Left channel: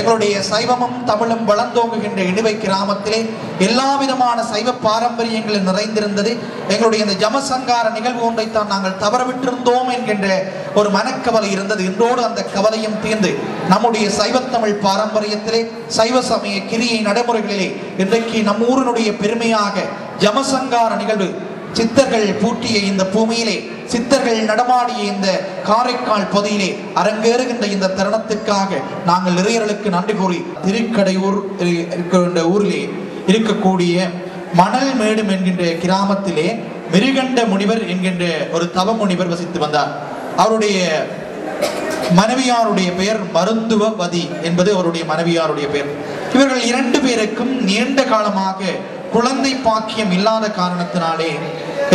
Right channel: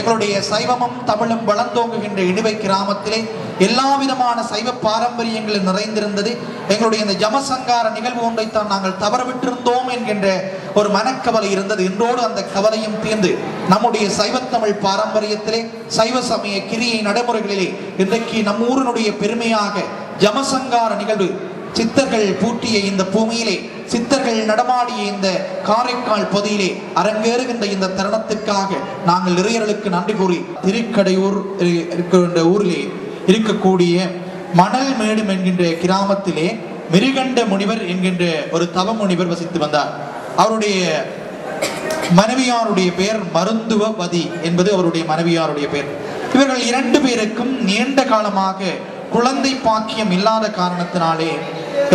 எங்களுடைய சைவமும் தமிழும் வளர்ந்தோங்குகின்ற இடுவை கிராமத்திலே எல்லா விதமான சைவ பாரம்பரியங்கள் நிறைந்திருந்தது. எங்களுடைய இந்த ஜமசங்கார நிகழ்வு ஒன்றைத்தான் நாங்கள் தவறவிட்டிருந்தோம் என்கின்ற ஒரு மனக்கவலை இருந்தது. இன்றோடு அந்த கவலையும் தீர்ந்து நம்முடைய சைவத்தமிழ் பாரம்பரியத்திலே சைவ சமய கிரியை நடைமுறைகளிலே இன்றைக்கு நம் ஊரினுடைய பெருமையாக ஜமசங்கார நிகழ்வு சித்தர்கள் பூட்டிய இந்த பூமியிலே, சித்தர்கள் நடமாடிய இந்த காரைக்கால் பகுதியிலே அரங்கேறுகின்ற இந்த தருணத்திற்காக நாங்கள் இறையர்களுக்கு நன்றி கூறி, திருக்கடையூர் இருக்கின்ற ஊரிலே இருக்கக்கூடிய மணல் மேடும் என்கின்ற கிராமத்திலே மிருகண்ட முனிவர் என்கின்ற ஒரு தவ முனிவர் வசித்து வந்தார். அவருடைய மனைவியாருடைய பெயர் மருந்துவதி என்பது அவருடைய மனைவியாருடைய பெயர். இவர்கள் இரண்டு பேருக்கும் நீண்ட காலமாக குழந்தை பாக்கியம் இல்லாத காரணத்தினாலே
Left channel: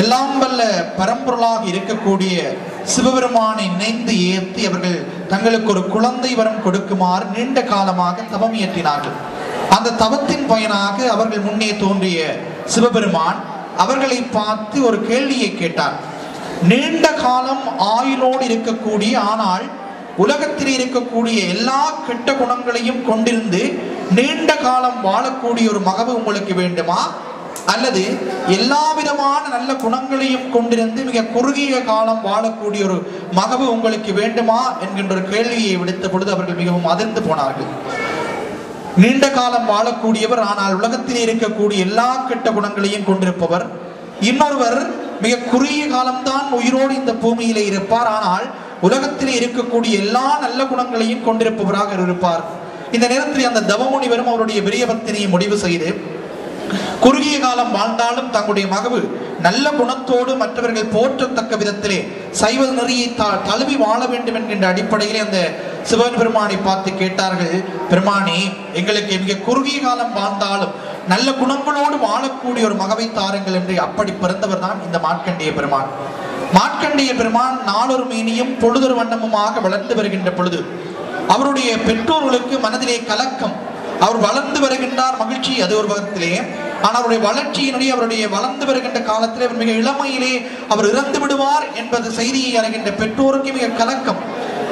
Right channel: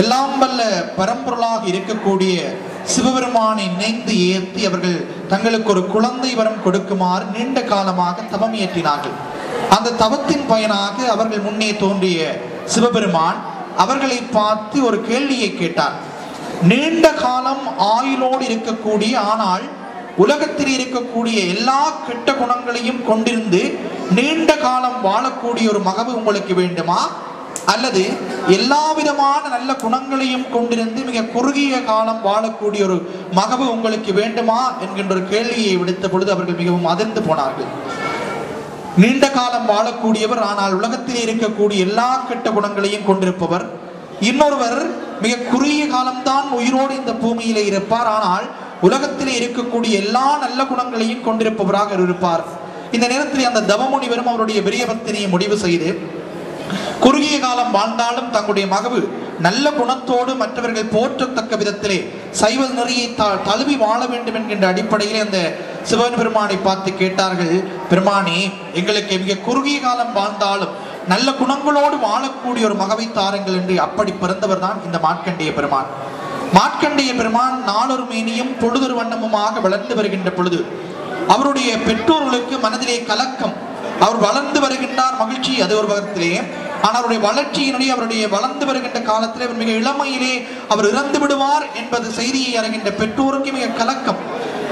எல்லாம் வல்ல பரம்பொருளாக இருக்கக்கூடிய சிவபெருமானை நினைந்து ஏற்றி அவர்கள் தங்களுக்கு ஒரு குழந்தை வரம் கொடுக்குமாறு நீண்ட காலமாக தவம் இயற்றினார்கள். அந்த தவத்தின் பயனாக அவர்கள் முன்னே தோன்றிய சிவபெருமான் அவர்களை பார்த்து ஒரு கேள்வியை கேட்டார். நீண்ட காலம் ஆயுளோடு இருக்கக்கூடிய, ஆனால் உலகத்தில் இருக்கக்கூடிய எல்லா கெட்ட குணங்களையும் கொண்டிருந்து நீண்ட காலம் வாழக்கூடிய ஒரு மகவு உங்களுக்கு வேண்டுமா, அல்லது எல்லா விதமான நல்ல குணங்களையும் கொண்டிருந்து மிக குறுகிய காலம் வாழக்கூடிய ஒரு மகவு உங்களுக்கு வேண்டுமா என்கின்ற ஒரு கேள்வியை விடுத்த பொழுது அவர்கள் மிகவும் அதிர்ந்து போனார்கள். நீண்ட காலம் வாழக்கூடியவர், ஆனால் உலகத்திலே இருக்கக்கூடிய எல்லா கெட்ட குணங்களையும் கொண்டிருப்பவர். இன்னொருவர் மிக குறுகிய காலம்தான் உயிரோடு இந்த பூமியிலே இருப்பார், ஆனால் உலகத்திலே இருக்கக்கூடிய எல்லா நல்ல குணங்களையும் கொண்டிருப்பவராக இருப்பார். இந்த நேரத்தில் அந்த தவமுனிவரும் அவருடைய விரியபத்தினை முடிவு செய்து குறுகிய காலம் வாழ்ந்தாலும் தங்களுடைய மகவு நல்ல குணத்தோடு மற்றவர்கள் போற்றத்தக்க விதத்திலே சைவ நெறியை தழுவி வாழ வேண்டும் என்கின்ற அடிப்படையிலே அந்த சிவன் பெருமானை பார்த்து கேட்டார்கள். பெருமானே, எங்களுக்கு மிக குறுகிய காலம் வாழ்ந்தாலும் நல்ல குணங்களோடு வாழக்கூடிய ஒரு மகவை தாருங்கள் என்று. அப்படி பிறந்தவர் தான் இந்த மார்க்கண்டேய பெருமான். மார்க்கண்டேய பெருமான் நாளொரு மேனியும் பொழுதொரு வண்ணமுமாக வளர்ந்து வருகின்ற பொழுது அவருடைய பெற்றோர்களுக்கு மனதிலே கலக்கம். அவர் வளர்ந்து வருகின்றார், மகிழ்ச்சி, அது ஒரு பக்கத்திலே. ஆனால் அவருடைய வளர்ச்சியினுடைய அவருடைய வளர்ந்து வருகின்ற காலத்திலே அவர் மிக இளமையிலே அவர் இறந்து விடுவார் என்பது செய்தியை அறிகின்ற பெற்றோருக்கு மிக கலக்கம்.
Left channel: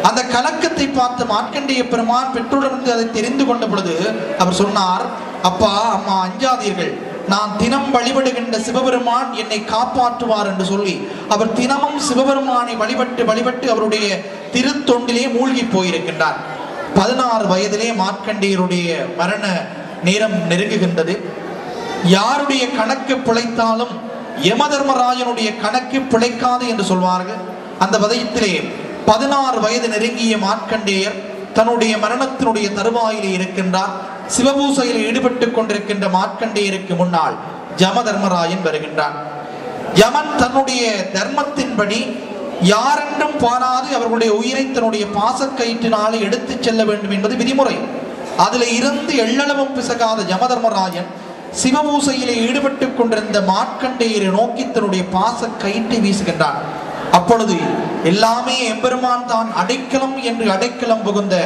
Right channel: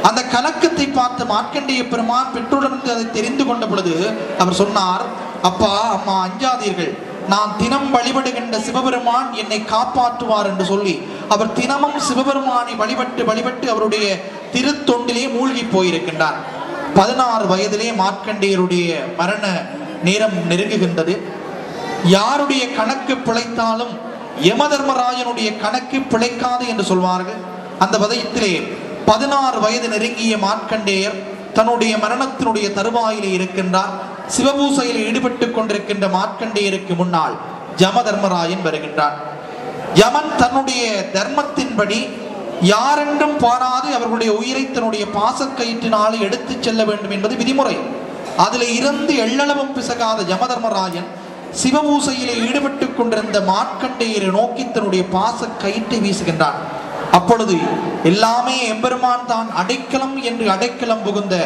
அந்த கலக்கத்தை பார்த்து மார்க்கண்டேய பெருமான் பெற்றோரிடமிருந்து அதை தெரிந்து கொண்ட பொழுது அவர் சொன்னார், அப்பா அம்மா அஞ்சாதீர்கள், நான் தினம் வழிபடுகின்ற சிவபெருமான் என்னை காப்பாற்றுவார் என்று சொல்லி அவர் தினமும் சிவபெருமானை வழிபட்டு அவருடைய திருத்தொண்டிலே மூழ்கி போயிருக்கின்றார். 16 வயதிலே மார்க்கண்டேயருடைய மரண நேரம் நெருங்குகின்றது. யாருடைய கணக்கு பிழைத்தாலும் யமதர்மராஜனுடைய கணக்கு பிழைக்காது என்று சொல்வார்கள். அந்த வதயத்திலே 16 வயது நெருங்கிய மார்க்கண்டேயர் தன்னுடைய மரணத்தினுடைய தருவாயிலே இருக்கின்றார். சிவபூசையில் ஈடுபட்டு கொண்டிருக்கின்ற மார்க்கண்டேயருக்கு முன்னால் யமதர்மராஜன் வருகின்றார். யமன் தன்னுடைய தர்மத்தின்படி யாரென்றும் பாராது அவர்களுடைய உயிரை தன்னுடைய பாசக்கயிற்றினாலே எடுத்து செல்ல வேண்டும் என்பது விதிமுறை. அதில் இருந்து எள்ளளவும் பிசகாத யமதர்மராஜன் சிவபூசையிலே ஈடுபட்டு கொண்டிருந்த மார்க்கண்டேயரை நோக்கி தன்னுடைய பாசக்கயிற்றை வீசுகின்றான். அப்பொழுது எல்லாமே எம்பெருமான் தான் அடைக்கலம் என்று அடைக்கலம் புகுந்த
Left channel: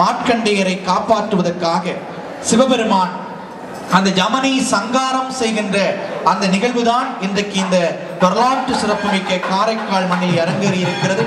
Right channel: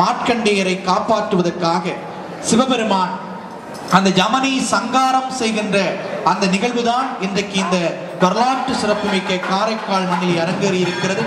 மார்க்கண்டேயரை காப்பாற்றுவதற்காக சிவபெருமான் அந்த யமனை சங்காரம் செய்கின்ற அந்த நிகழ்வுதான் இன்றைக்கு இந்த வரலாற்று சிறப்புமிக்க காரைக்கால் மண்ணில் அரங்கேறி இருக்கிறது.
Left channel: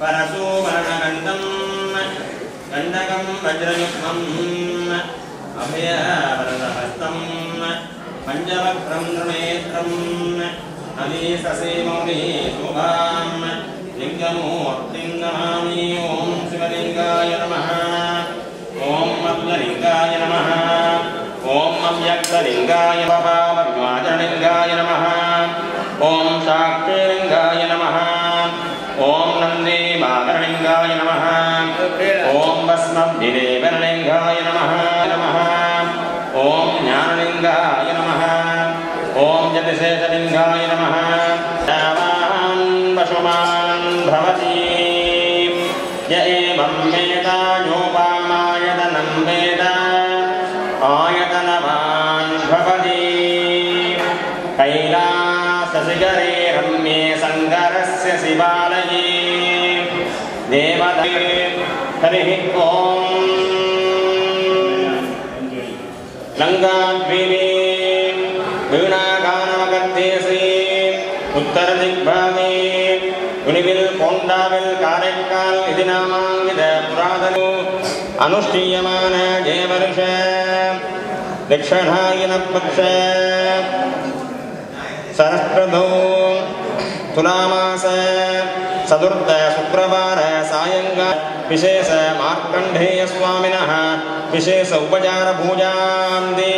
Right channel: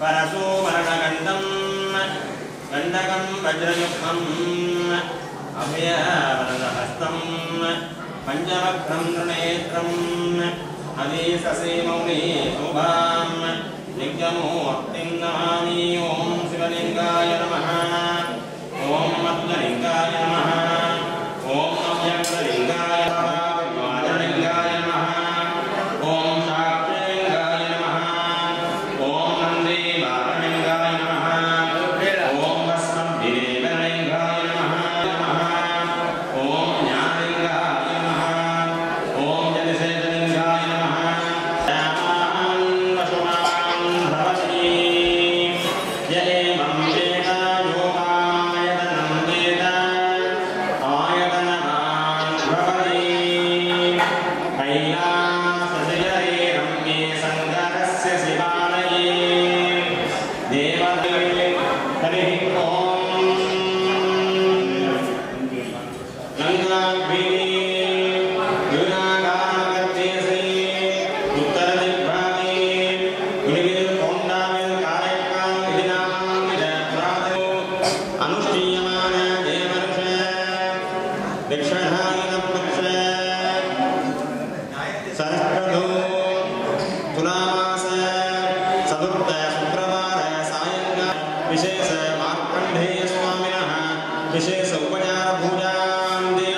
परशुवर्णगण्डं गण्डकं वज्रयुग्मम् अभयवरदहस्तं पञ्चवक्त्रं त्रिनेत्रं हवीससेमौली शुभां लिङ्गमूर्तिं नमामि। ॐ शिवलिङ्गाय नमः। ॐ मद्गलिङ्गाय नमः। ॐ अव्यक्तलिङ्गाय वाजलिङ्गाय नमः। ॐ साक्षिलिङ्गाय नमः। ॐ नन्दीमाकरलिङ्गाय नमः। ॐ भस्मभिदेवलिङ्गाय नमः। ॐ ज्ञानलिङ्गाय नमः। ॐ जतिशेषलिङ्गाय नमः। यावान् पशुमान् भवति य एवं वेद योपामायतनं वेद आयतनवान् भवति। कैलासशिखरे रम्ये शङ्करस्य शिवालये देवते हरिः ॐ लङ्काद्वीपे वीणागानमगत्येसि उत्तरदिग्भागे उनिविल् कोण्डाविल् कारेक्काल् इति नामाङ्कित पुरातनो अनुष्ठीयमान जयवर्ष दक्षिणायनपक्ष सरस्वतो तुलामास चतुर्थ शुक्रवार सायंकाल विशेष मार्कंडेय स्वामिनः विशेष उपचार पूजान्ते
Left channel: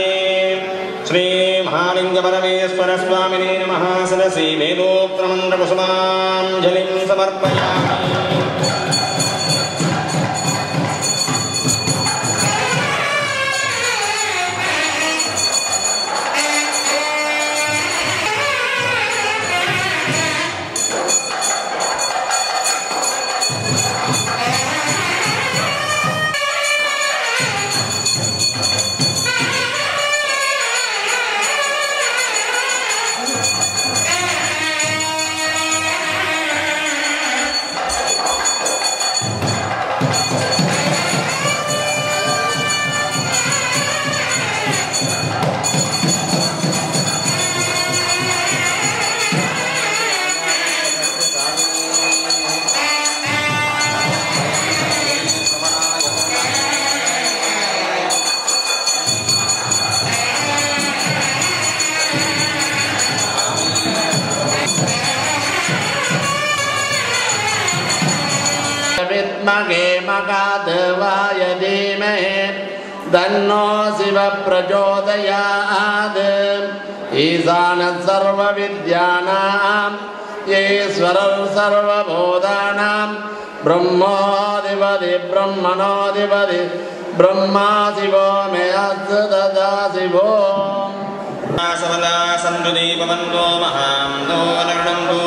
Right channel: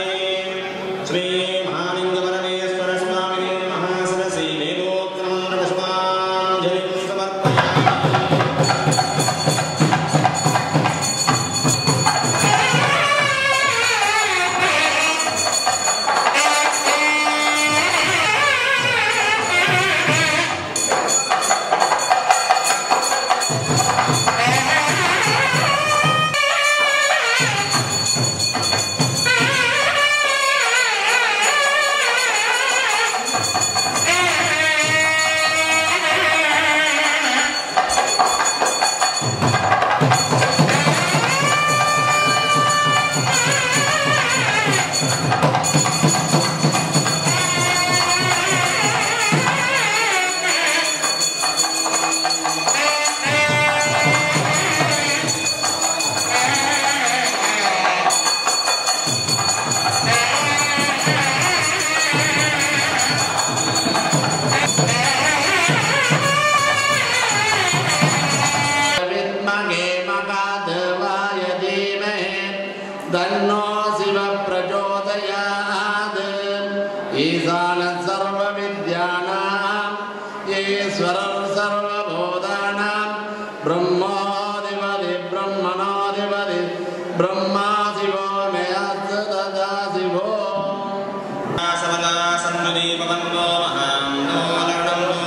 श्री महालिंग परमेश्वर स्वामिने नमः। सरसी वेदोक्तमन्त्र कुसुमाञ्जलिं समर्पयामि। मगाधवाय धीमहि तन्नो शिव प्रचोदयात्। ईशानः सर्वविद्यानां ईश्वरः सर्वभूतानां ब्रह्माधिपति ब्रह्मणोऽधिपति ब्रह्मा शिवो मे अस्तु तथा शिवो। सवदा सन्तु दीपवन्तो महान्तो लग्नन्तो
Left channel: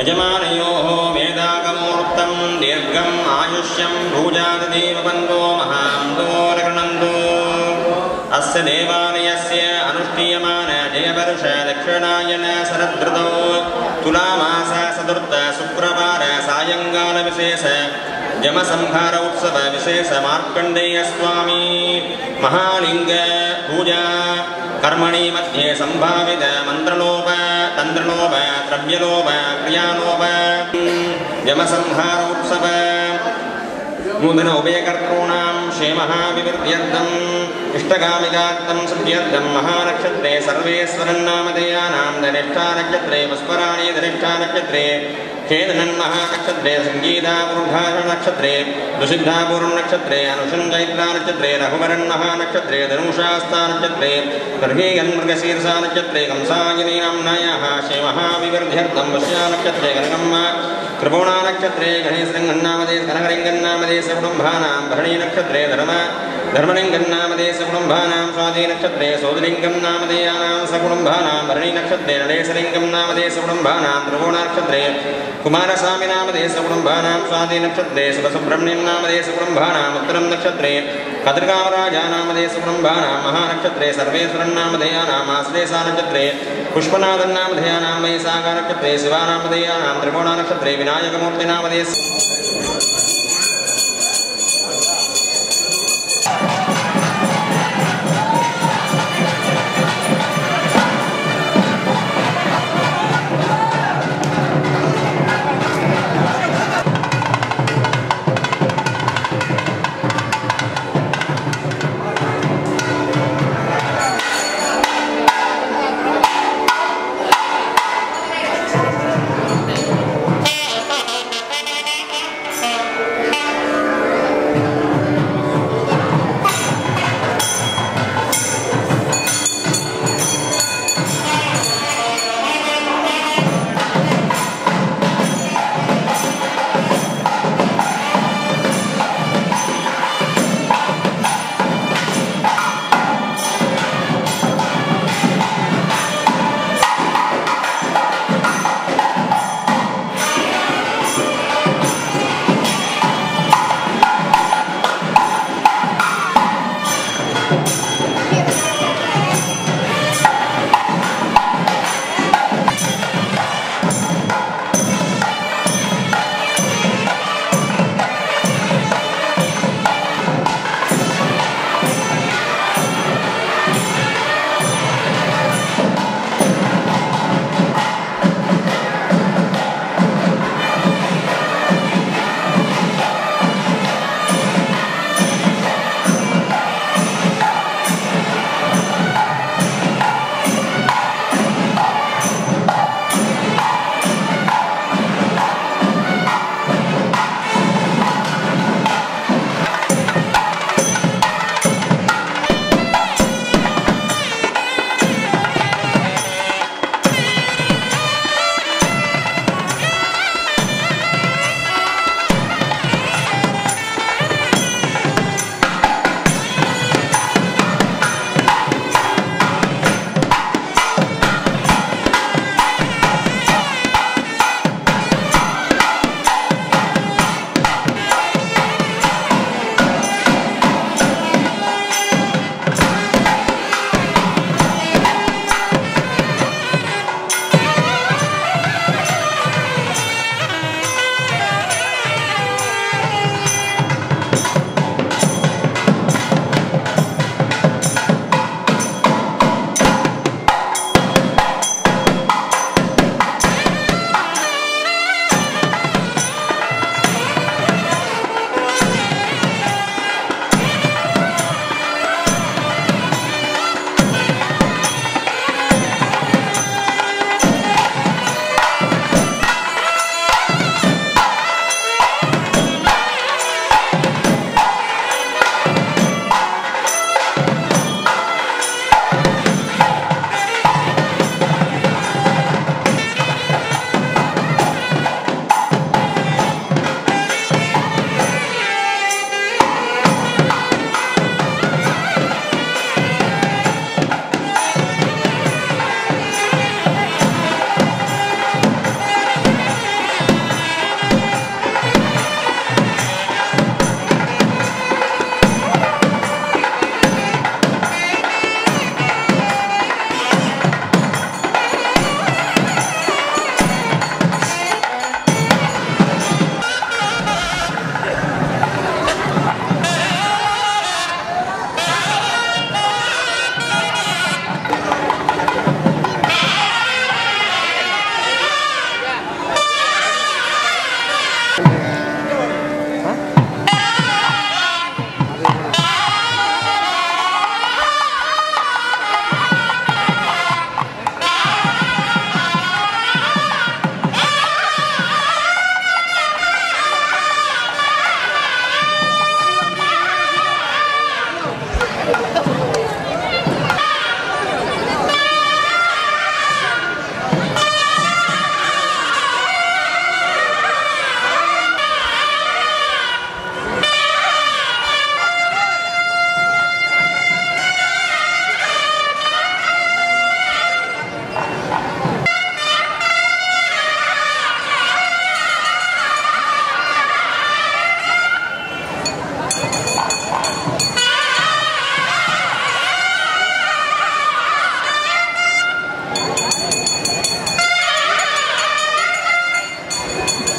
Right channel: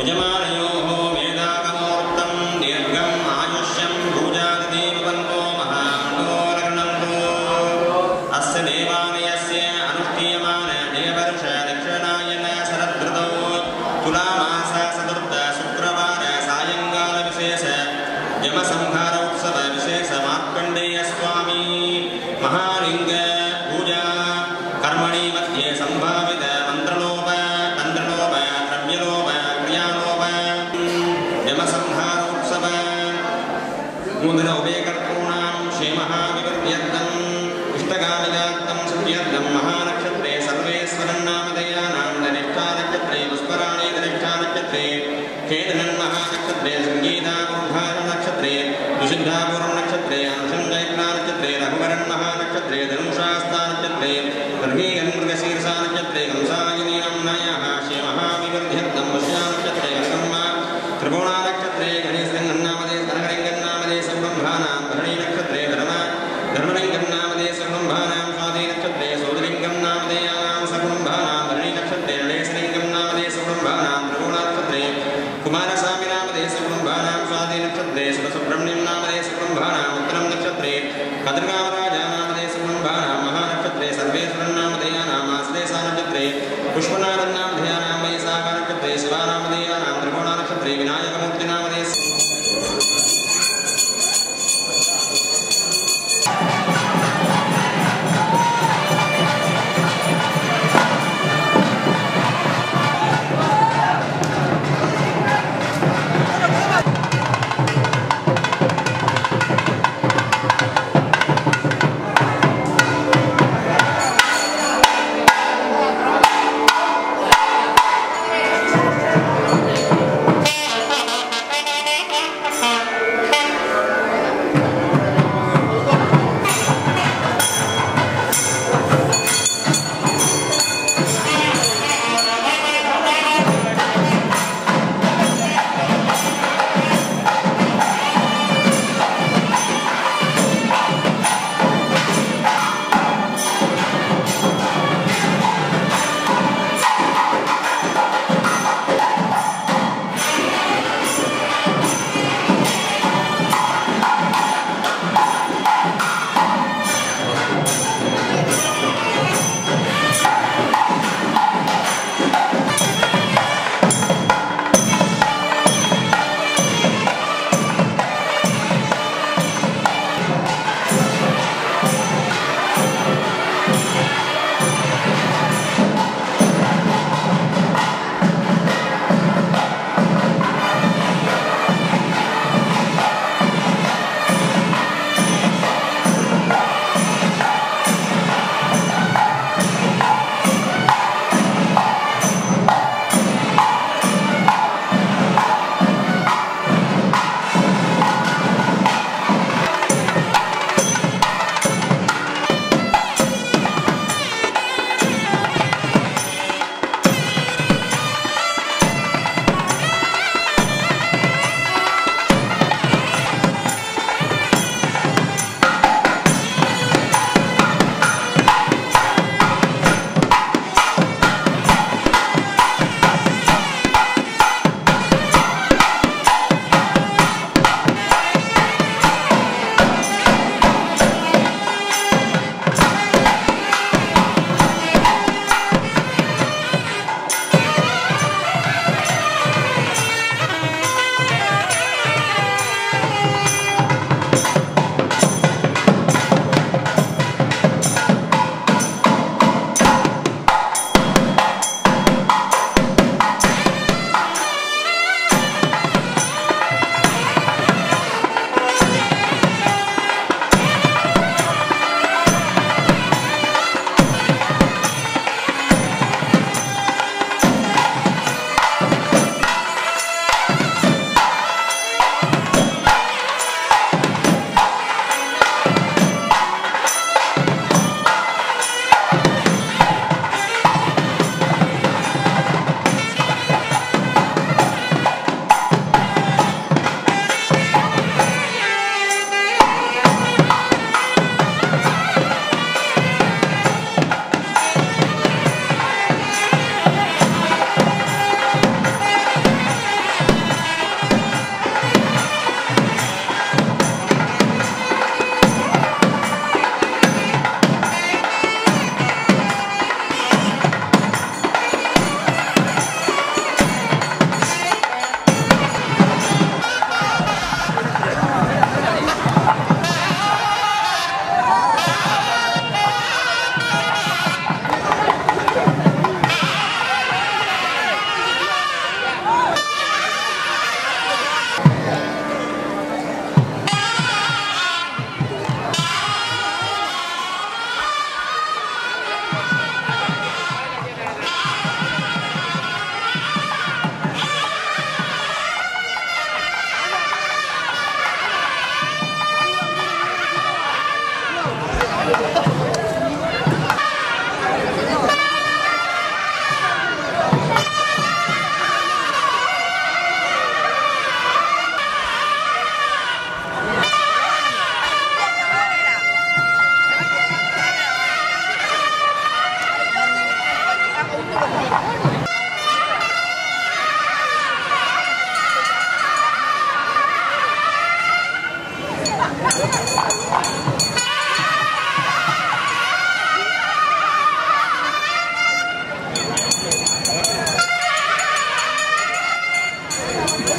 यजमानयोः वेदागमूर्तं दीर्घम् आयुष्यं भूजादिदेववन्तो महान्तो लग्नन्तो। अस्य देवालयस्य अनुष्ठीयमान जयवर्ष दक्षिणायन शरदृतौ तुलामास चतुर्थ शुक्रवार सायंकाल विशेष जमसंहार उत्सव विशेष मार्कंडेय स्वामी महालिंग पूजा कर्मणि मध्ये संभावित मंत्रलोप तंत्रलोप द्रव्यलोप क्रियालोप जमसंहार उत्सव नूतन उभयकर्तॄणां क्षेमः विवृद्ध्यर्थम् इष्टकामिकार्थं सिद्ध्यर्थं महानक्षत्रे सर्वेश्वरन्नामधेयानां धनिष्ठानक्षत्रे पुष्पराणि धनिष्ठानक्षत्रे खेदनन्महानक्षत्रे संगीतापुरुषानक्षत्रे दुसिद्धापूर्णनक्षत्रे अनुषञ्चैत्रानक्षत्रे रघुवरन्महानक्षत्रे धनुषास्तानक्षत्रे गर्भीगन्मृगशीर्षानक्षत्रे कंसायनीनाम्नायाः क्षेमः विवृद्ध्यर्थं वश्यानक्षत्रे कनकम्म कृपोणानक्षत्रे गणेशलिङ्गन्नामदे कनकलिङ्गन्नामदे सकुटुम्बानां भरणी नक्षत्रे धर्मलिङ्गन्नामदे सकुटुम्बानां स्वाति नक्षत्रे सोदलिङ्गं नामधेयानां सकुटुम्बानां भरणी नक्षत्रे नरेशलिङ्गं नामधे सकुटुम्बानां त्रिभुवनक्षत्रे कुमारस्वामी नामधे सकुटुम्बानां स्वाति नक्षत्रे शिवसुब्रह्मण्यं नामधे सकुटुम्बानाम् उत्तरं नक्षत्रे कद्रकामराजा नामधे सकुटुम्बानां महानक्षत्रे सर्वेश्वरन्नामधेयानां आश्लेषा नक्षत्रे पुष्पनाथन्नामधेयानां वैशाखा नक्षत्रे शिवानामधेयानां त्रिकोणानक्षत्रे विनायकमूर्तिनामधे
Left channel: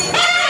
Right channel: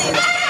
Lupa.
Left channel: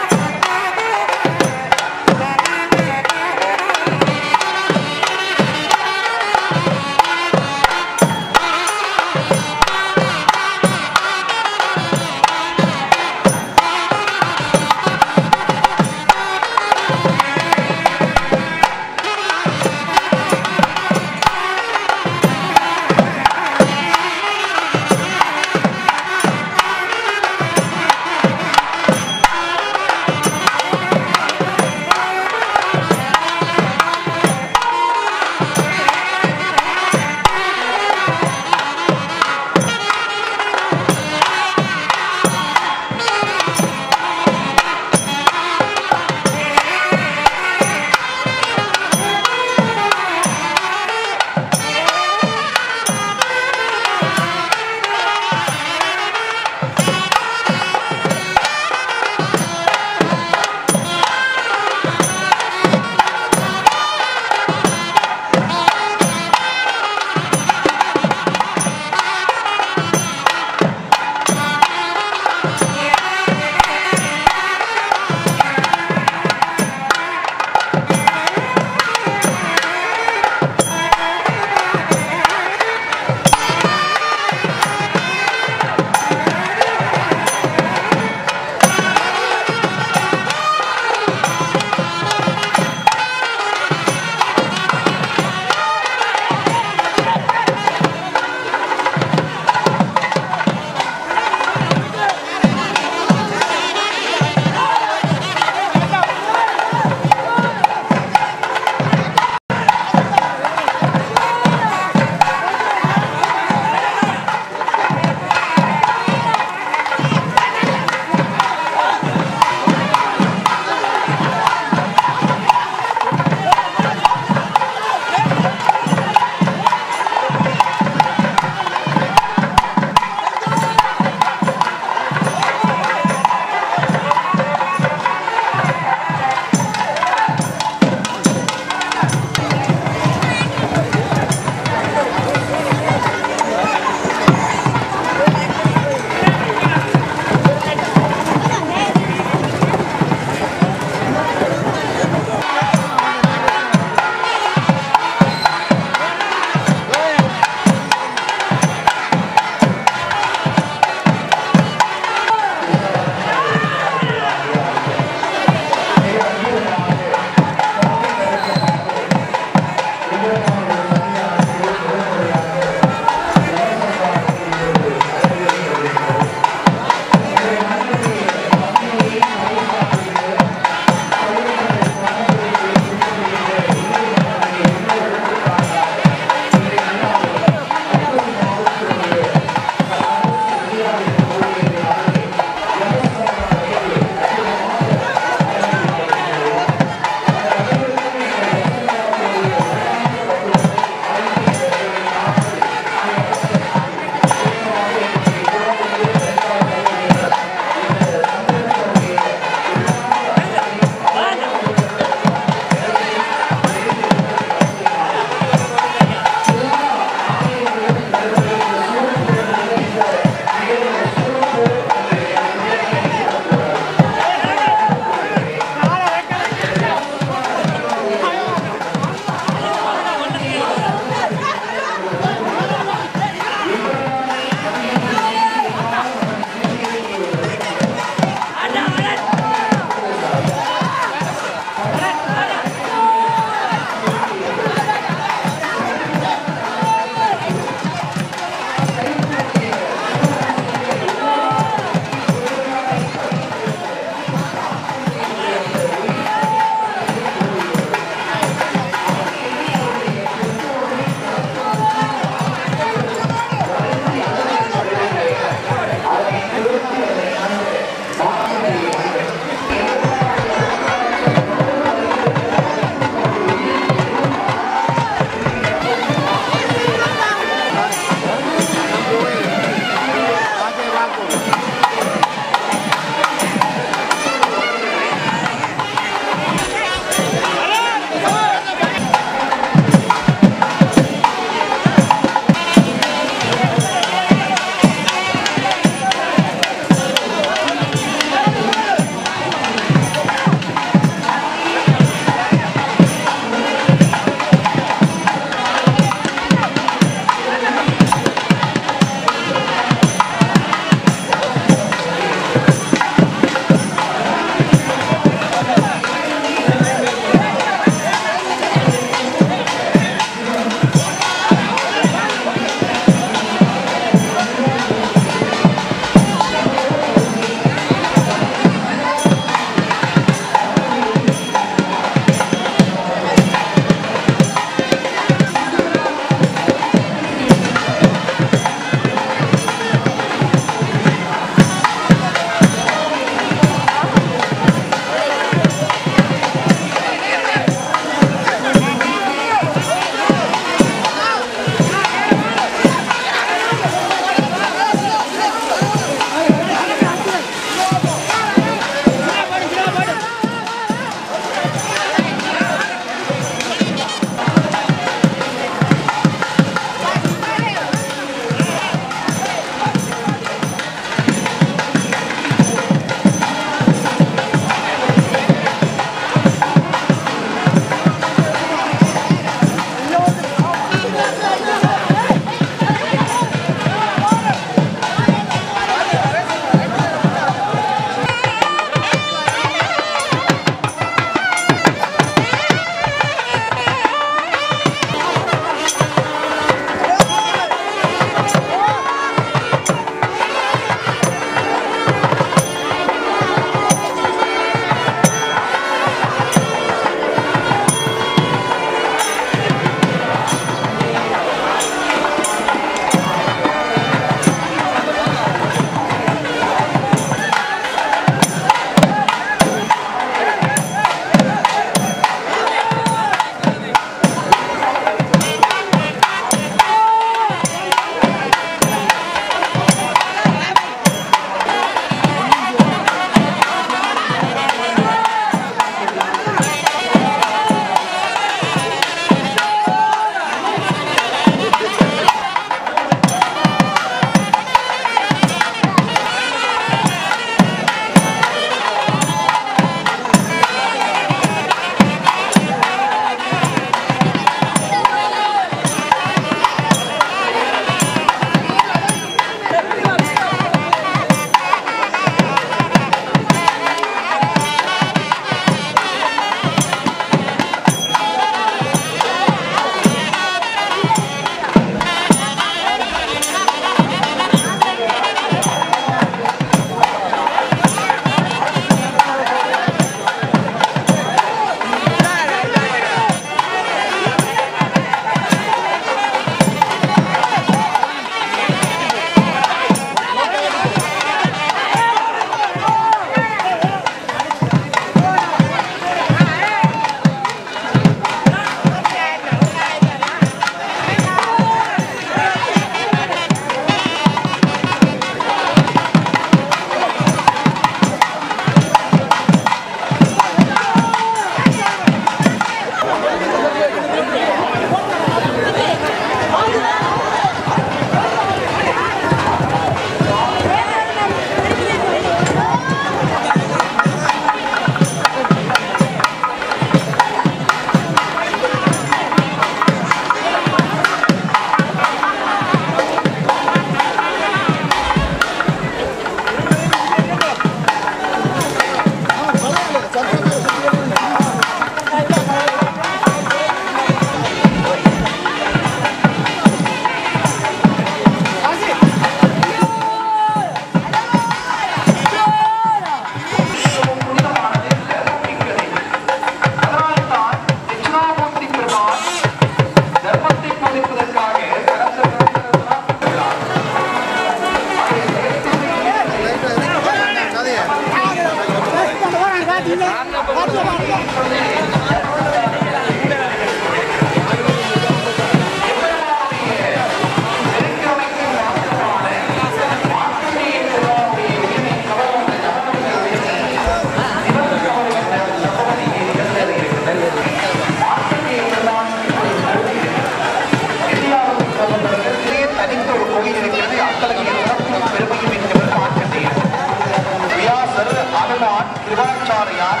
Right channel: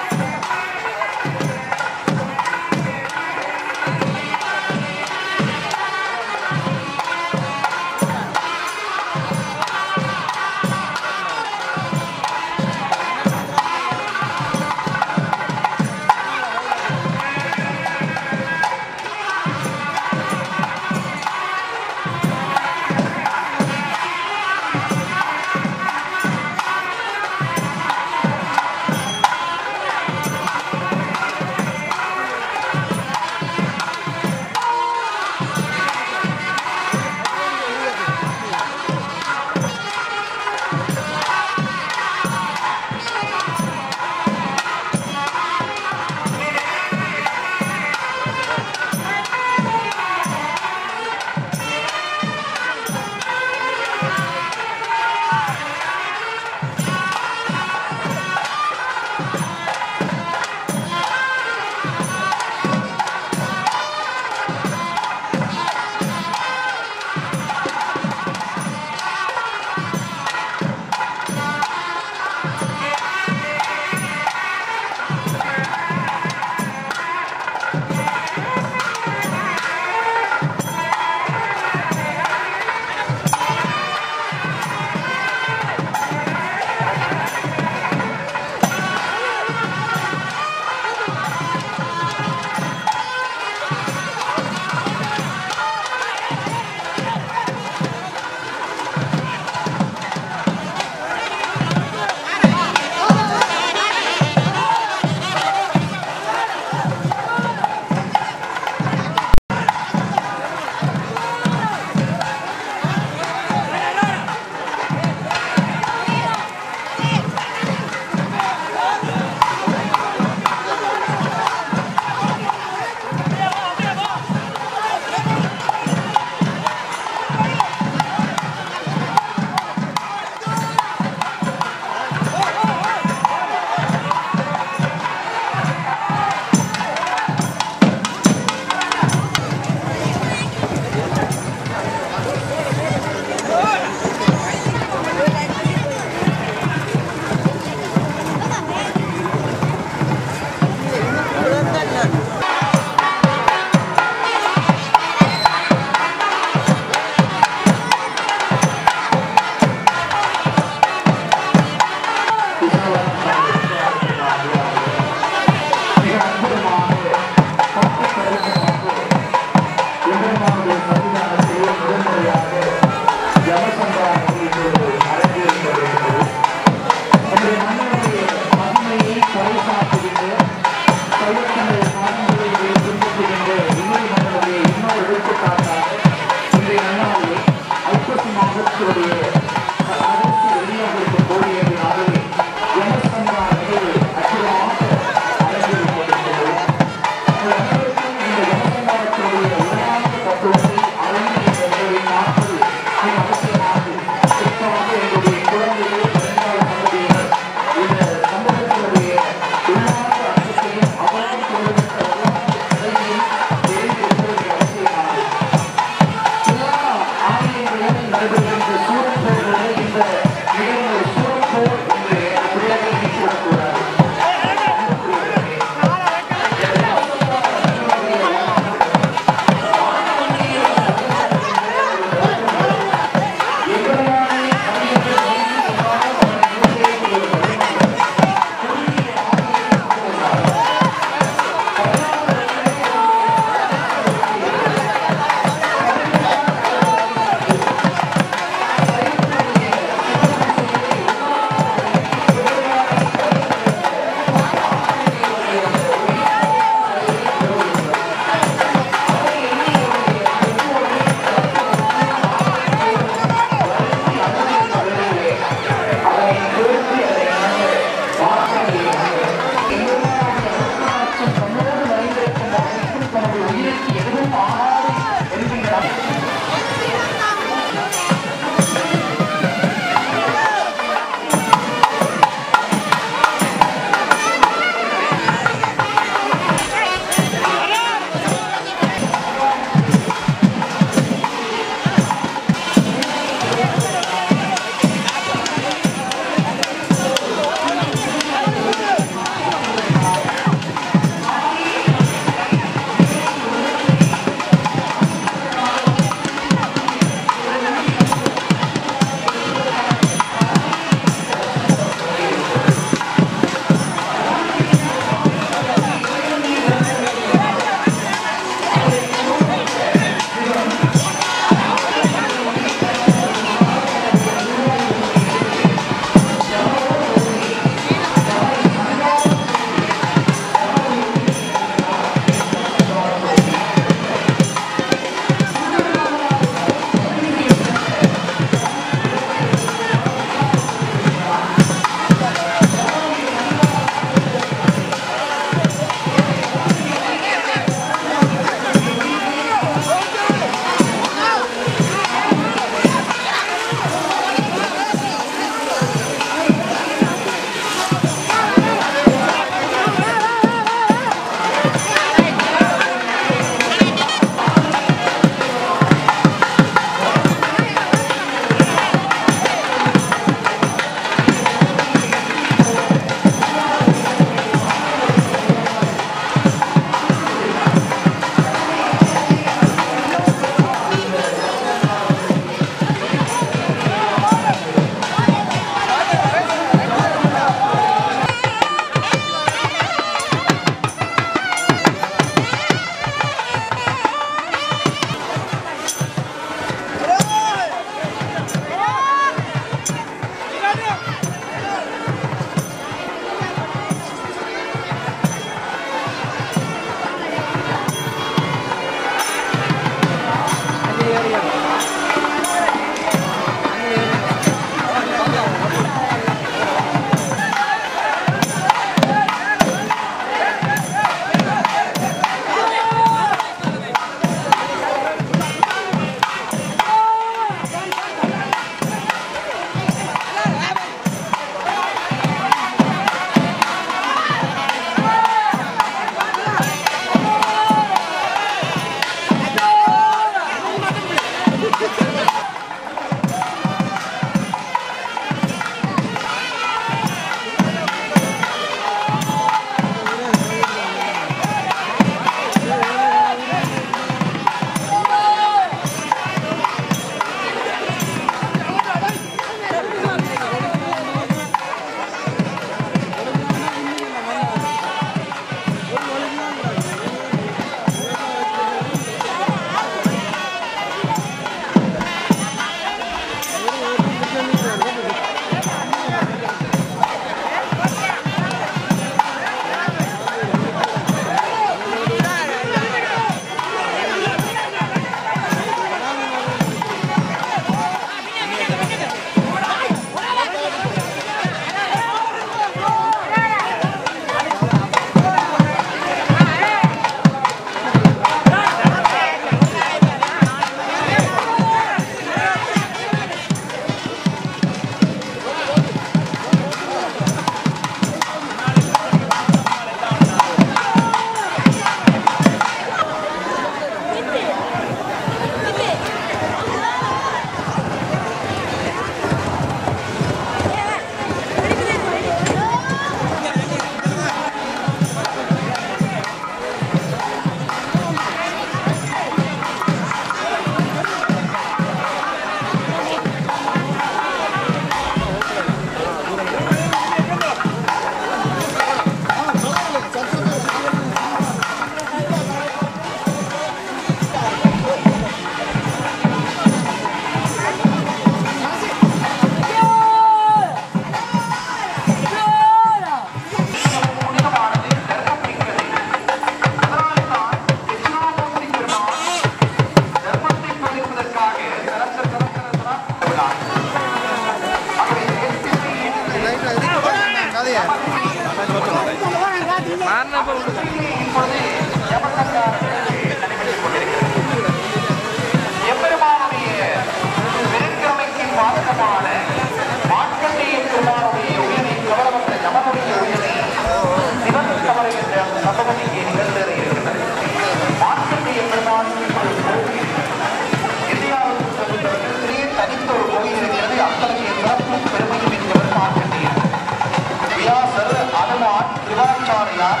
நாச்சியார்,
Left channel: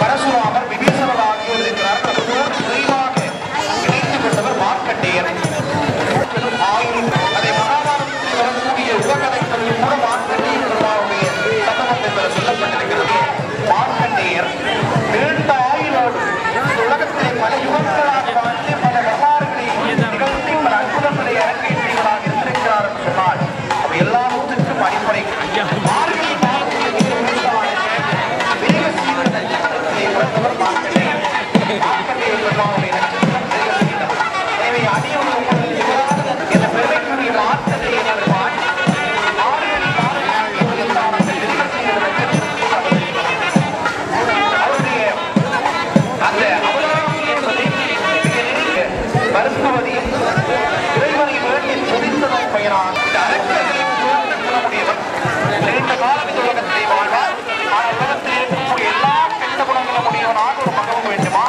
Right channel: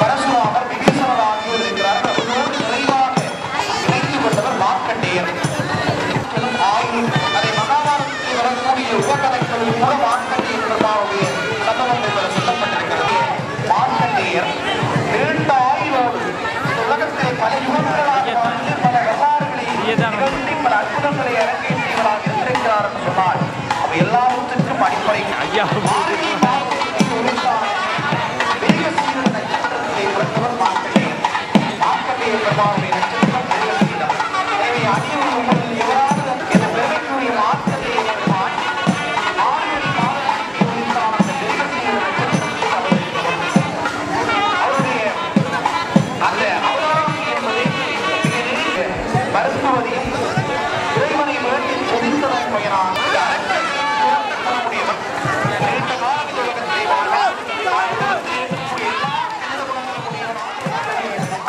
பரசுராமர், விபீஷணர் ஆகியோர் இருக்கிறார்கள். அவர்களோடு நிறைவாக இணைந்து கொண்டவர் மார்க்கண்டேயர். ஆயினும் அதை மகாபாரதத்தில் வரக்கூடிய உபகதைகளில் கூட மார்க்கண்டேயர் பெருமாளுடைய சம்பவத்தை பெற சொல்லப்பட்டிருக்கிறது. மார்க்கண்டேயர் நீண்ட ஆயுளோடு இந்த உலகத்திலே பல யுகங்களாக வாழ்ந்து பல வரலாறுகளை நிகழ்த்தி பல அற்புதங்களை அரங்கேற்றியவராக இருந்திருக்கிறார் என்று சொன்னால் அவை எல்லாவற்றுக்கும் அடிப்படை மார்கழி மாதத்தில் வேக சீர நட்சத்திரத்திலே பிறந்தவர் மார்க்கண்டேயர். மார்க்கண்டேயர் பெருமாளுடைய நட்சத்திரம் வேக சீரம். எனவே அடியவர்கள் எவராது என்ற பெருமைக்குரிய மார்க்கண்டேயர் பெருமாள் மார்கழி மாதத்தில் உரித்தான அந்த வேக சீர நட்சத்திரத்தில் அவருடைய அந்த அவதாரம் என்பது மிக நெருங்கிய மருத்துவதையும் இறைவனை வேண்டி துதித்ததன் பயனாக இந்த அரக்கர்களை சேர்ந்த குணமுடையவர் நீண்ட காலம் இந்த உலகத்திலே வாழ்வார். உலகத்தில் இருக்கக்கூடிய எல்லா கெட்ட குணங்களும் உடையவனாக ஒரு மகன் வேண்டுமா?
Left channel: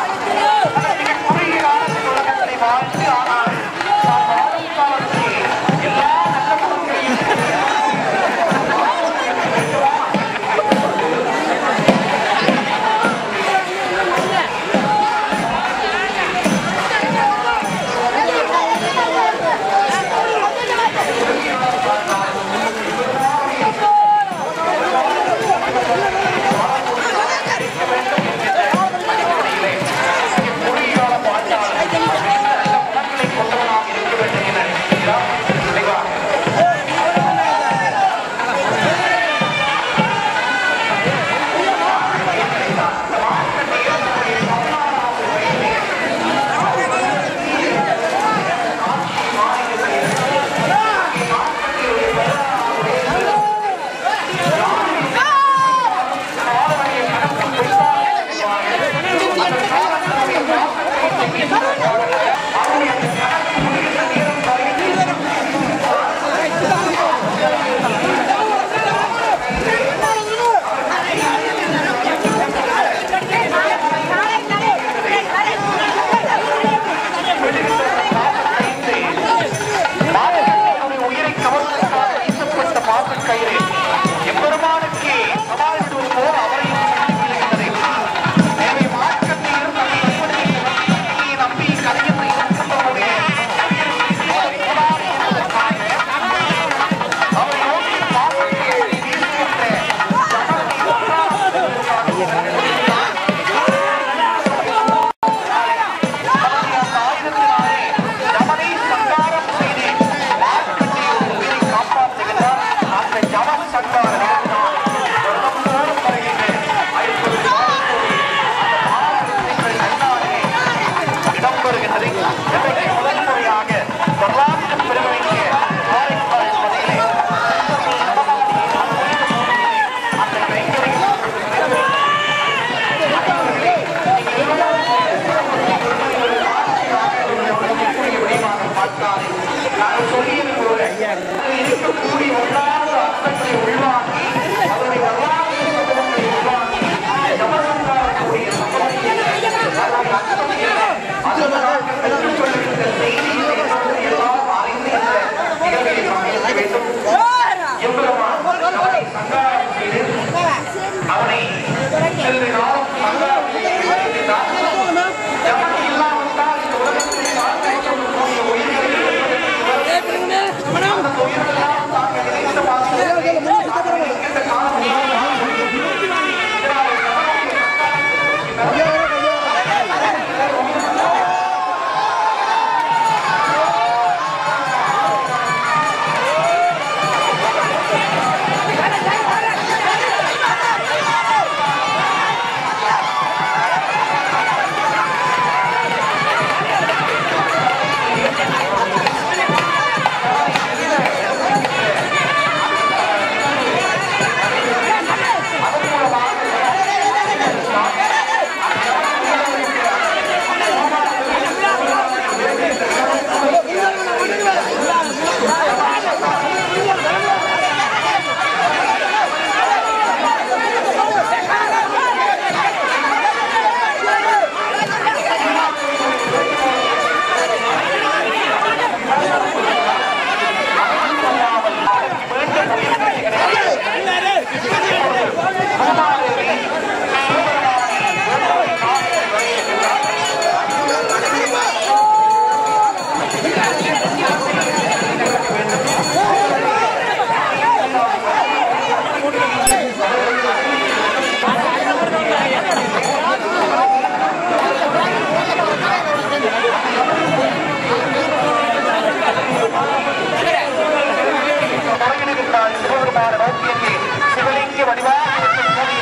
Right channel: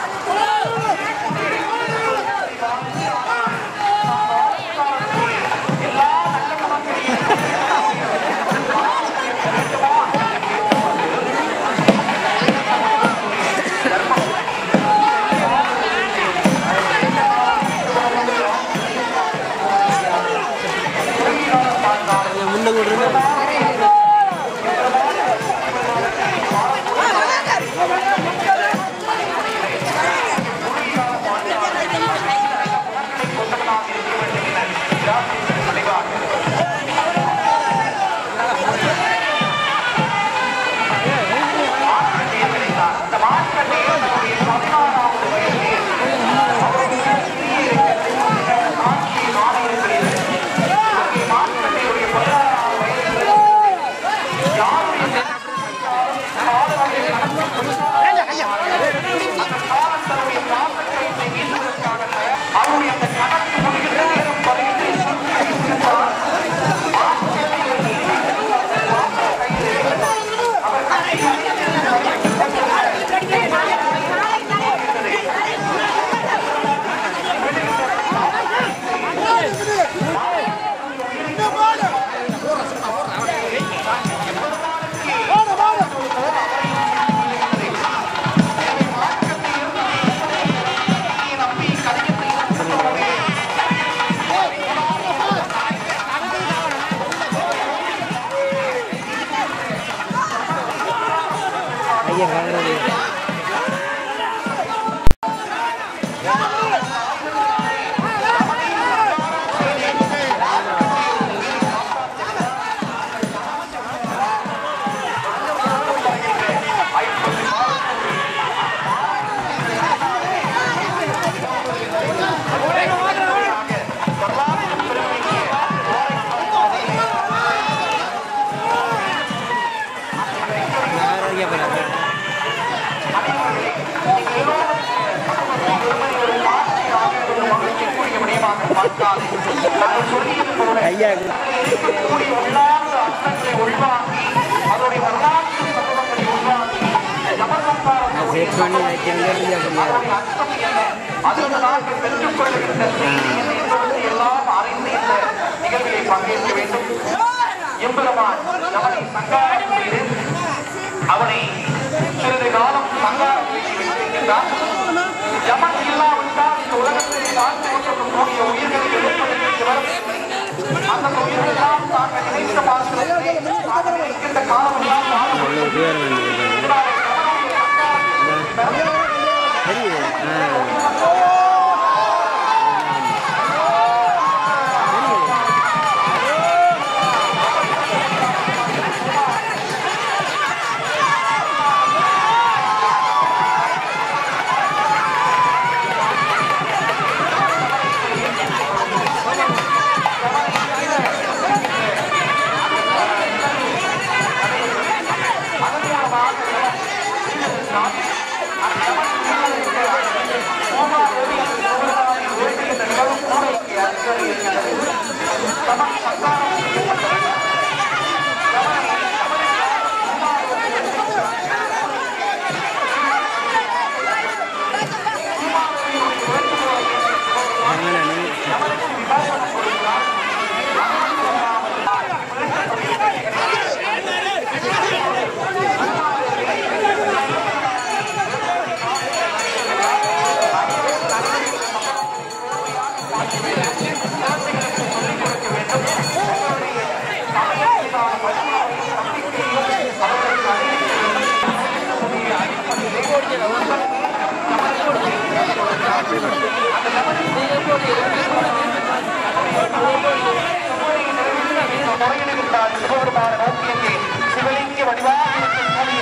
சிவபெருமான நோக்கியங்கே சிவலிங்க வடிவாக இருக்கக்கூடிய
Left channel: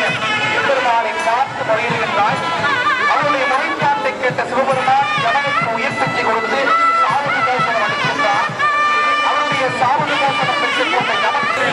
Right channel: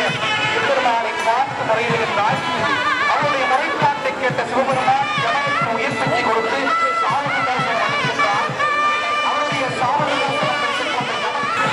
எம்பெருமானை பார்த்து முறையிடுகின்றார். அவருடைய முறைப்பாட்டை கேட்ட சிவபெருமான் ஜனனுக்கு உயிர் சக்தி கொடுத்து சாவதி தரிசனம் அளிக்கின்றார். அவருடைய சாவதி தரிசனம் பெற்றுக் கொண்ட ஜனக்கு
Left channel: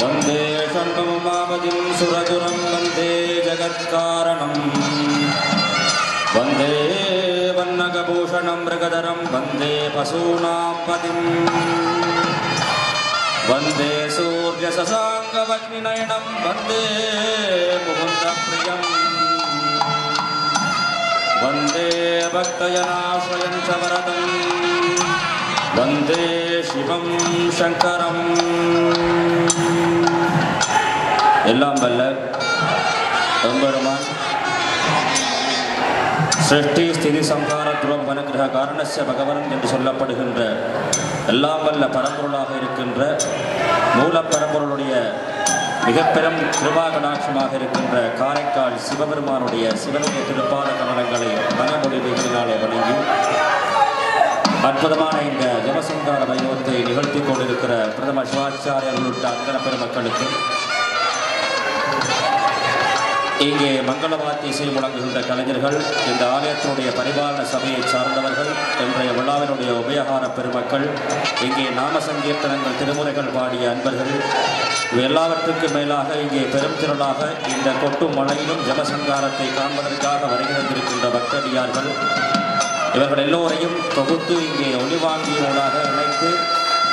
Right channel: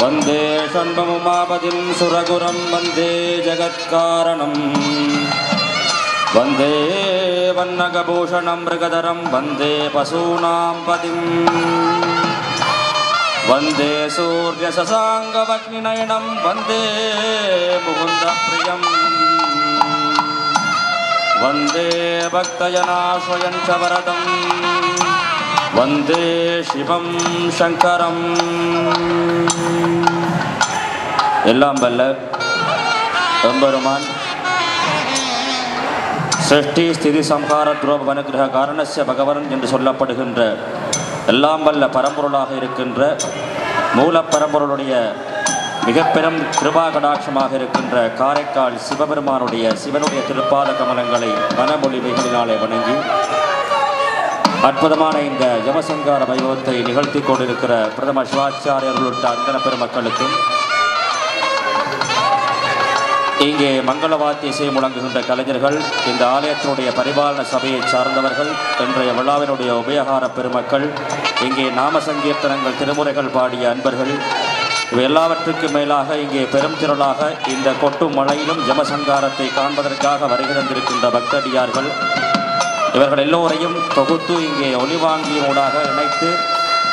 वंदे षण्मुमापतिं सुरगुरं वंदे जगत्कारणं वंदे वन्नगभूषणं मृगधरं वंदे पशूनां पतिं वंदे सूर्यशशाङ्कवह्निनयनं वंदे मुकुन्दप्रियं वंदे भक्तजनाश्रयं च वरदं वंदे शिवं शंकरं எல்லாம் வல்ல எம்பெருமான் சிருஷ்டி ஸ்திதி சம்ஹார துரோப வனுக்கிரக காரணஸ்ய பகவன் என்று சொல்லப்படுகின்ற எல்லாம் வல்ல பரம்பொருளாக இருக்கின்ற மூலப்பரம்பொருளுடைய மிக பெரும் கிருபா கடாட்சமாக இருக்கின்ற காரைக்கால் சிவபெருமானுடைய சிவனுடைய திருப்பாத கமலங்களை மனமொழிமைகளினாலே வணங்கி அற்புதமான இந்த ஜமசங்கார வைபவத்தை நிகழ்த்தி கொண்டிருக்கிற பிரதம சிவாச்சாரியர் உள்ளிட்ட அந்தன பெருமக்களுக்கும் இங்கே மங்களவாத்திய இசை முழங்குகின்ற கலைஞர்கள், இந்த ஆலயத்தினுடைய பரிபாலன சபையை சார்ந்தவர்கள், இன்றைய விழாவினுடைய உபயகார பெருமக்கள், இங்கே நாம சங்கீர்த்தனங்கள் திருமுறைகள் பாடிய அன்பர்கள், இவை எல்லாவற்றுக்கும் மேலாக இங்கே பெரும் திரளாக இந்த கொட்டும் மழையிலும் ஜமசங்காரத்தை காண்பதற்காக வருகிறந்திருக்கின்ற பக்தடியார்கள், இவர்கள் எல்லோரையும் தொகுத்து இங்கே ஒளிவாங்கியூடாக இணைத்து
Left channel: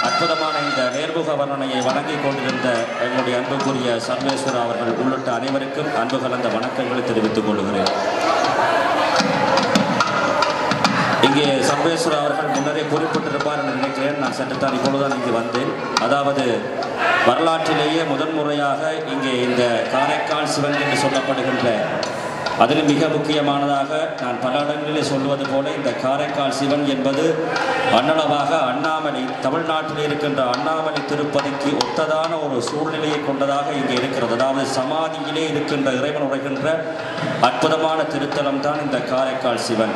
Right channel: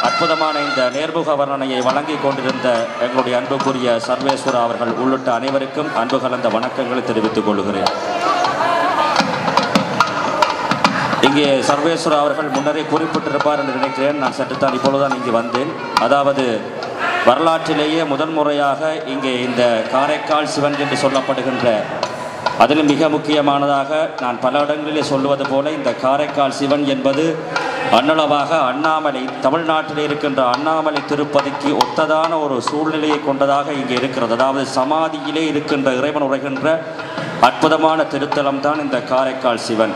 அற்புதமான இந்த நேர்முக வர்ணனையை வழங்கி கொண்டிருந்த எங்களுடைய அன்புக்குரிய சர்வேஸ்வரா அவர்கள் உள்ளிட்ட அனைவருக்கும் அன்பு கலந்த வணக்கங்களை தெரிவித்துக் கொள்கிறேன். இங்கே சர்வேஸ்வரா அவர்கள் முன்னரே குறிப்பிட்டிருப்பார் என்று நினைக்கிறேன். நான் சற்றுத்தான் இப்பொழுதுதான் இங்கே வந்தேன். அதாவது வரலாற்றிலேயே முதன்முறையாக இங்கே இந்த காரைக்கால் சிவன் என்று சொல்லப்படுகின்ற, அதிலும் மிக முக்கியமானதாக நான் பல இடங்களிலே சொல்லுவது போல இந்த காரைக்கால் சிவன் என்பது அன்னளவாக அண்ணாமலை, தமிழ்நாட்டில் இருக்கின்ற அண்ணாமலை திருப்பதிக்கு ஒத்ததான ஒரு சூழ்நிலையை கொண்டதாக இங்கே இருக்கிறது. அதாவது சமாதியிலே இருக்கின்ற இறைவன் உரைகின்ற அற்புதமான திருத்தலம் தான் இந்த காரைக்கால் சிவன்.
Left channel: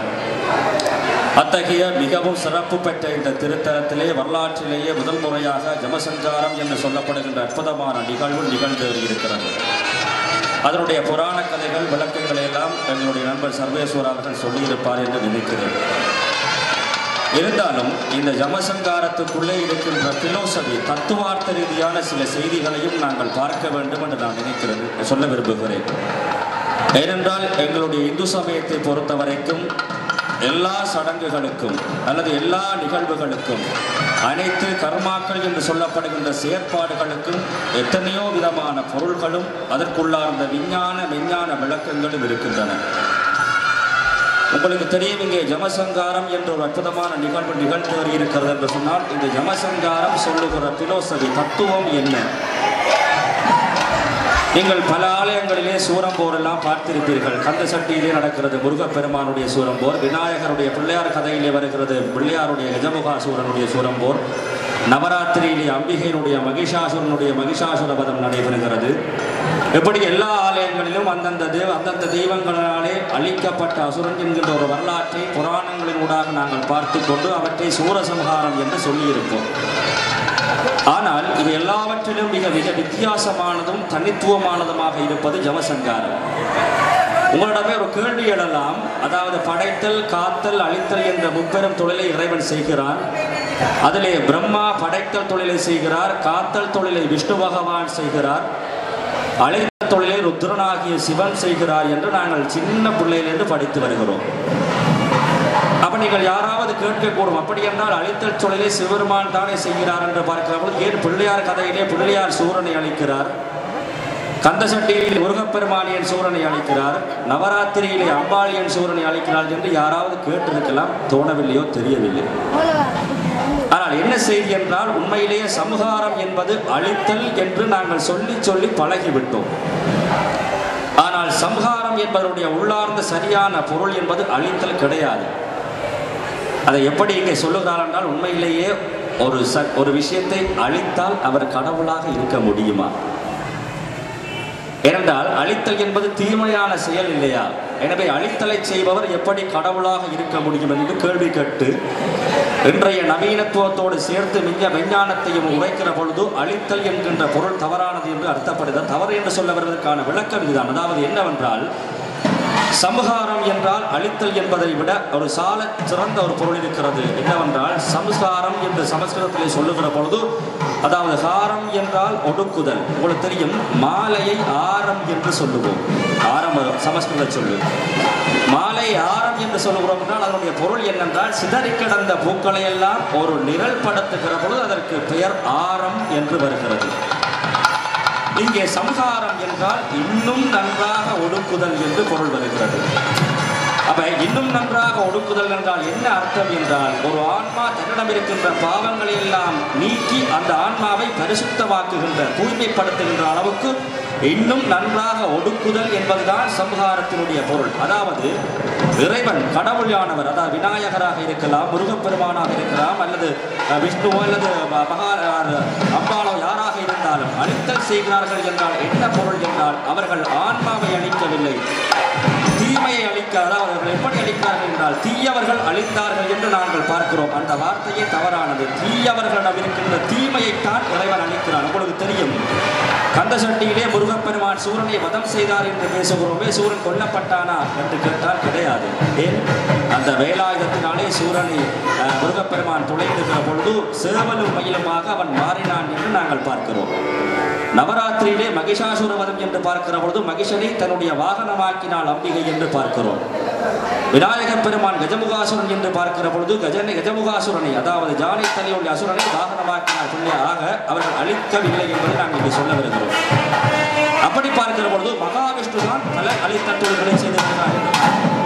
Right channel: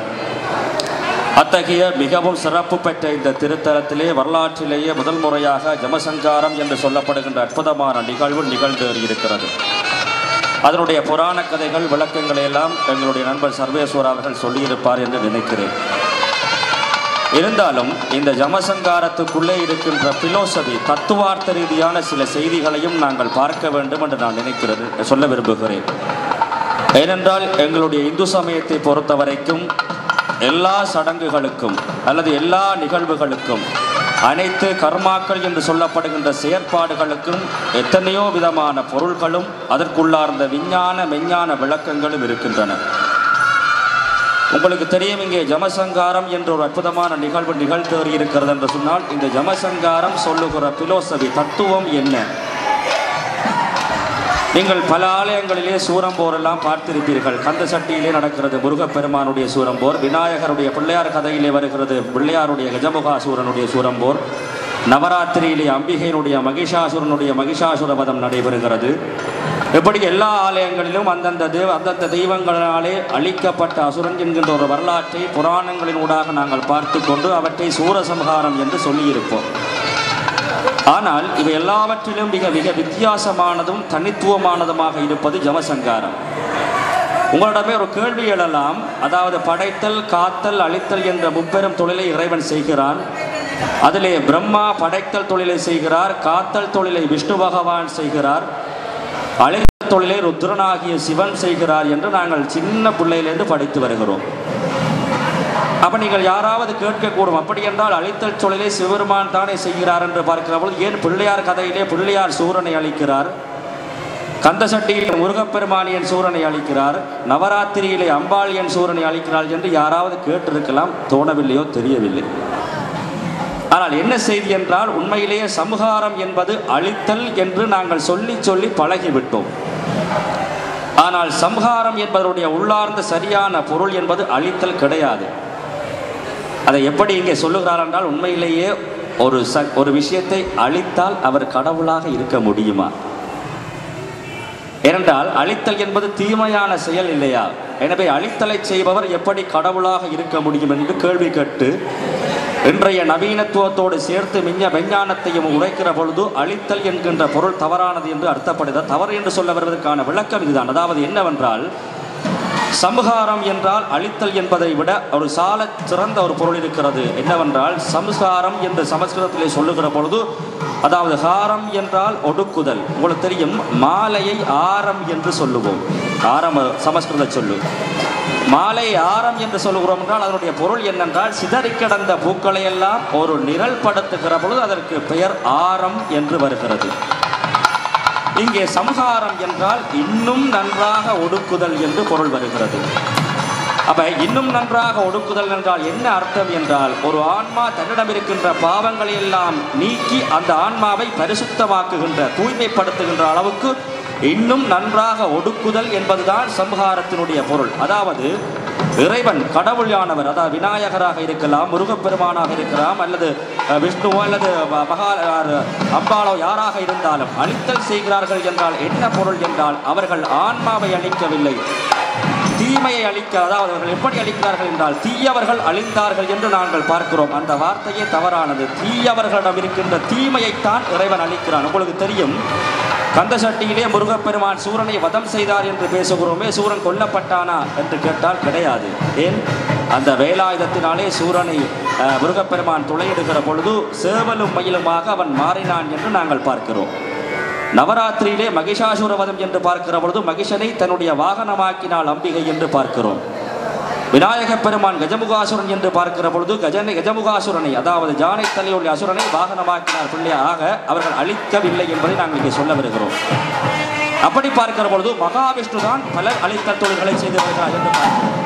அத்தகைய மிகவும் சிறப்பு பெற்ற இந்த திருத்தலத்திலே வரலாற்றிலேயே முதல் முறையாக ஜமசங்காரம் என்று சொல்லப்படுகின்ற அற்புதமான நிகழ்வு நிகழ்ந்தேறியிருக்கிறது. அதனுடைய புராண கதைகள் விளக்கங்களை எல்லாம் எங்களுடைய நண்பர் சர்வேஸ்வரர் அவர்கள் சொல்லியிருப்பார் என்று நினைக்கிறேன். இருந்தாலும் இந்த ஜமசங்காரத்துக்குள்ளே இருக்கின்ற பிலோசபி தத்துவார்த்த ரீதியான சில செய்திகளையும் நாங்கள் பார்க்க வேண்டும் என்று நான் சொல்ல விரும்புகிறேன். ஏனென்றால் எங்களுடைய இந்து சமயத்தை பொறுத்த வரைக்கும் எல்லா சடங்குகளுக்கும் அல்லது எல்லா நிகழ்வுகளுக்கும் அனைத்து கர்மாக்கள் என்று சொல்லப்படுகின்ற செயற்பாடுகளுக்கும் எத்தனையோ விதமான பொருள்களும் அதற்குள்ளார்ந்த மெஞ்ஞான விளக்கங்களும் இருக்கின்றன. உங்களுக்கு தெரியும், இங்கே ஜமசங்காரம் என்ற ஒரு அற்புதமான நிகழ்வு நிகழ்த்தேறி இருக்கிறது என்று சொன்னால் இந்த ஜமசங்காரம் சொல்லுகிற பிலோசபி தத்துவம் என்ன? நீங்கள் பல ஆலயங்களிலே சூரம்போர் எல்லாம் பார்த்திருப்பீர்கள். கந்த சட்டியிலே நடக்கிறது முருகப்பெருமானுடைய சூரம்போர், விநாயகருடைய பிள்ளையார் கதையிலே வருகிறது பிள்ளையாருடைய கஜமுகாசூரனுடைய சூரம்போர், நவராத்திரியிலே அம்பிகையினுடைய மகிஷாசுர வதம் நடைபெறுகிறது. எப்படி எல்லா ஆலயங்களிலும் அந்தந்த தெய்வங்களாலே அழிக்கப்பட்ட அசுரன் என்கின்ற ஒரு வரலாற்றை புராணங்களின் ஊடாக நாங்கள் பார்த்து கொண்டு அவற்றை சூரசம்ஹாரம் என்று சொல்லியிருப்போம். ஆனால் இவை எல்லாவற்றிலும் மிக மிக வித்தியாசமானதும் தனித்துவமானதுமாக இருப்பது ஜமசங்காரம். உங்களிடமே ஒரு கேள்வி எழலாம். அதாவது படைத்தல், காத்தல், அழித்தல் என்ற முப்பெரும் தொழிலை இறைவன் செய்கிறான். அதிலே பிரம்மா படைத்தல் தொழிலை செய்கிறார், காத்தல் தொழிலை விஷ்ணு பகவான் செய்கிறார், அழித்தல் தொழிலை ருத்ரனாகிய சிவன் செய்கிறார் என்று நாங்கள் சின்ன பிள்ளையிலிருந்து படித்து வருகிறோம். அப்ப நீங்கள் யாராவது கேட்கக்கூடும், அப்படி என்றால் அழித்தல் தொழிலை சிவபெருமான் தானே செய்கிறார் என்று பார்க்கிறவர்கள் ஏன் பிள்ளையார் கதையிலே பிள்ளையார் சூரனை அழிக்கிறார், கந்த சட்டியிலே முருகப்பெருமானியன் சூரனை அழிக்கிறார், நவராத்திரியிலே அம்பாளியன் சூரனை அழிக்கிறார் என்று யாராவது கேட்டிருக்கலாம். தோணவில்லையோ தெரியவில்லை. ஆனால் என்ன செய்தி என்றால் உண்மையிலேயே சம்ஹாரம் என்பது அழித்தல் என்று நாங்கள் சொல்லி பழகிவிட்டோம். ஆனால் சம்ஹாரம் என்பதனுடைய உள்ளார்ந்த சரியான பொருள் என்பது அழித்தல் கிடையாது. அதை எப்படி இங்கே சொல்லுகிறார் என்றால் உண்மையிலேயே ஒரு விஷயத்தை அழித்தால் அவர் கடவுளாக இருக்க முடியுமா? ஏனென்றால் அழித்தல் என்பது தீமையான செயல் இல்லையா? எனவே அழித்தலை செய்பவர் எப்படி கடவுளாக இருக்க முடியும் என்று கேள்வி கேட்டு இன்றைய நவீனத்துவத்தோடு சேர்த்து விஞ்ஞானத்தையும் உரைக்கிற பொழுது அழித்தல் என்கின்ற பொருள் தவறானது என்று அர்த்தப்படுகிறது. தவறு என்று சொல்ல வருவதற்கான விளக்கம் இதுதான். அதாவது என்னவென்றால் சம்ஹாரம் என்றால் அழித்தல் என்பதை விட ஒரு சால சிறந்த ஒரு பொருள் இருக்கிறது. என்னவென்றால் சம்ஹாரம் என்று சமஸ்கிருதத்திலே சொல்லுகிற பொழுது, அதாவது ஹாரம் என்றால் ஒடுக்குதல். உங்களுக்கு தெரியும், மாலையை ஆரம் என்று சொல்லுவோம். ஆரம் சமஸ்கிருத சொல்லு. மாலை ஆரம் என்று சொல்லுகிறோம் என்றால் அதனுடைய பொருள் என்னென்றால் சிதறி கிடந்த பூக்களை எல்லாம் ஒரு நிழல் படுத்துகிற பொழுது அதற்கு பெயர் ஆரம் என்று வருகிறது. இங்கே சம்ஹாரம் என்றால் இன்னும் நன்றாக ஒடுக்குதல் என்று பொருள் வருகிறது. அப்ப இன்னும் நன்றாக ஒடுக்குதல் என்றால் என்ன அர்த்தம் என்றால் ஒரு ஆன்மா தன்னிடம் இருக்கின்ற பாவங்களை எல்லாம் நீக்கி அந்த ஆன்மாவை பரிசுத்தமாக்குகின்ற தூய்மைப்படுத்துகின்ற அளவுக்கு இன்னும் நன்றாக ஒடுக்குதல் என்பதுதான் சம்ஹாரத்தினுடைய பொருள். அதாவது இறைவன் கடவுளானவர், அதாவது விநாயகராக இருக்கலாம், முருகப்பெருமானாக இருக்கலாம், அல்லது விஷ்ணுவோ அல்லது அம்பாளோ யாராக இருந்தாலும் அழித்தல் செய்கிறார்கள் என்றால் என்ன பொருள் என்றால் அவர்கள் ஆன்மாவை அழிக்கவில்லை, தீமையை அழிக்க, அதாவது அவர்கள் எப்படி அழிக்கிறார்கள் என்றால் தீயவர்கள் அழித்தார்கள் என்று நாங்கள் பார்க்கிறோம். அந்த வார்த்தையே தவறானது. தீயவர்களிடம் இருக்கின்ற தீமையைத்தான் இறைவன் அழிக்கிறான். உங்களுக்கு தெரியும், கந்த சட்டியிலே முருகப்பெருமான் சூரனை வதம் செய்தார் என்று பேசுகிறோமே, சூரன் கொல்லப்பட்டானா என்று கேட்டால் கிடையாது. ஏன்? அந்த வேலாயுதத்தினாலே சூரனை முருகப்பெருமான் துளையிடுகிற பொழுது சேவலும் மயிலுமாக அவன் மாறினான் என்று நாங்கள் பார்க்கிறோம். நவராத்திரியிலே மகிஷாசுரவதம் என்று பார்க்கிற பொழுது மகிஷனை தன்னுடைய வாகனமாக்கினாள் அம்பிகை என்று பார்க்கிறோம். விநாயகப் பெருமான் கஜமுகாசுரன் என்று பார்க்கிற பொழுது கஜமுகாசுரனை, அதாவது ஜானை தலையுடைய அசுரனை வாகனமாக்கினார் பிள்ளையாக. அவர்கள் அழிக்கவில்லை என்பதை நாங்கள் இங்கே சொல்ல வருகிறோம். அப்படி பார்க்கிற பொழுது மகாவிஷ்ணு தான் பல அழித்த தொழில்களை செய்து வருகிறார் என்று பார்க்கிறோம்.